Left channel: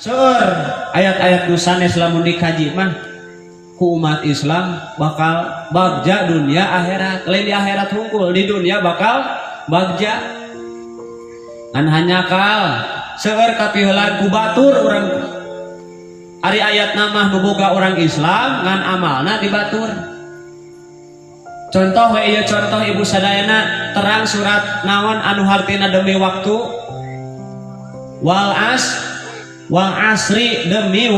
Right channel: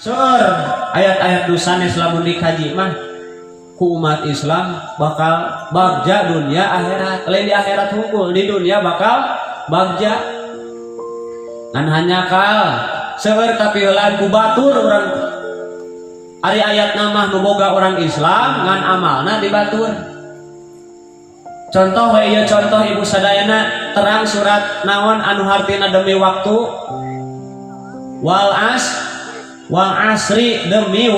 Seur ayat-ayat dusanes lamun dikaji mah ku umat Islam bakal bagja dunia akhirat. Lain di akhirat hukul, di dunia bakal bagja. Kan hanya kal seur kapieulan ku batur urang ari ayat nama nu boga orang Islam ngan amalna dibatur. Contoh we ieu contoh ibu sadayana terang surat naon anu hartina demi waktu wal asri demi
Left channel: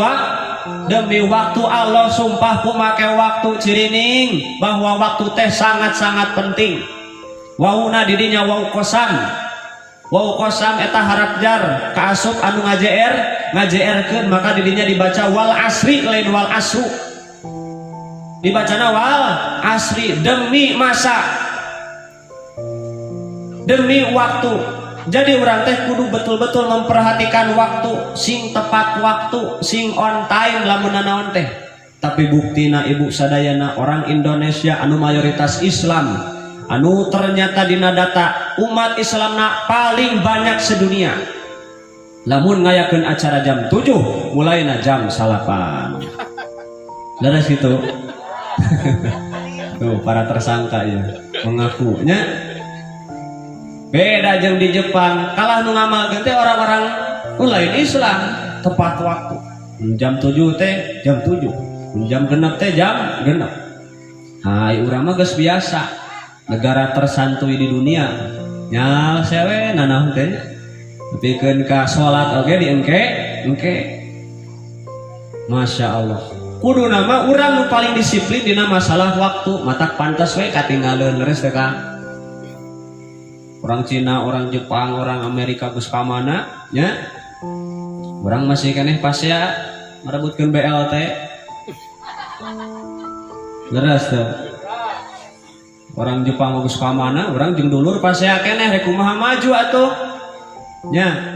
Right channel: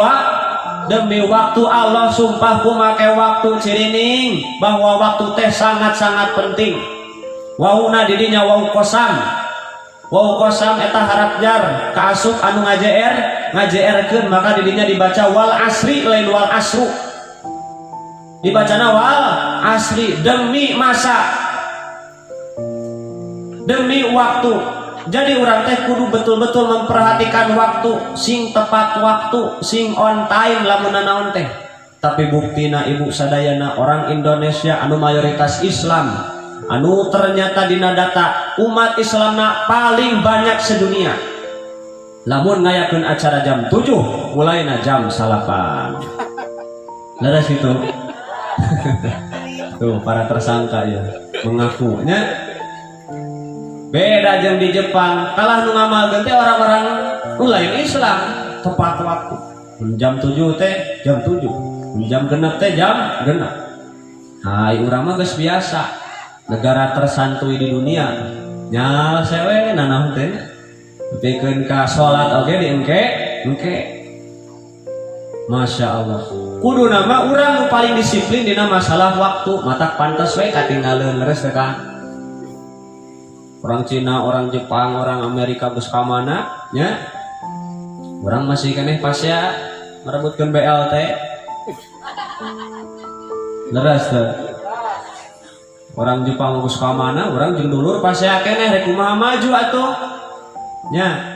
waktu Allah sumpah ku make waktu cirining bahwa waktu teh sangat-sangat penting. Wawuna didinya wau kosam eta harap jar kaasup anu ngajeerkeun maka didinya dibaca wal asri lain wal asru, dibacana wal asri demi masa demi waktu. Jadi orang teh kudu betul-betul memperhatikan waktu sing tepat waktu sing on time lamun naon teh. Tapi buktina ibu sadayana orang Indonesia anu mayoritas Islam anu ternyata dina data umat Islamna paling banyak sedunia lamun ngayakeun acara jam 7 mulainya jam 8 leres itu. Tuh para tersangka ya mengakunya beda jeung di Jepang. Kalah nu ngamalkeun teh orang-orang nu lain Islam tepat waktu. Jam 7 teh jam 7, jam genep teh jam genep. Hai urang mah geus biasa. Negara tersantuy di dunia. Nya sewe nanaon teh. Pikeun ka salat oge di engke. Masya Allah. Kudu nama urang nu paling disiplin dina masalah waktu. Matak pantes we katinggaleun leres teh Kang. Orang Cina, orang Jepang, orang Amerika geus ka mana nya orang masih keneh pasea merebutkeun BLT leres teh. Orang Jepang geus ka mana orang jeung dulur pasea keneh rek kumaha maju atuh nya.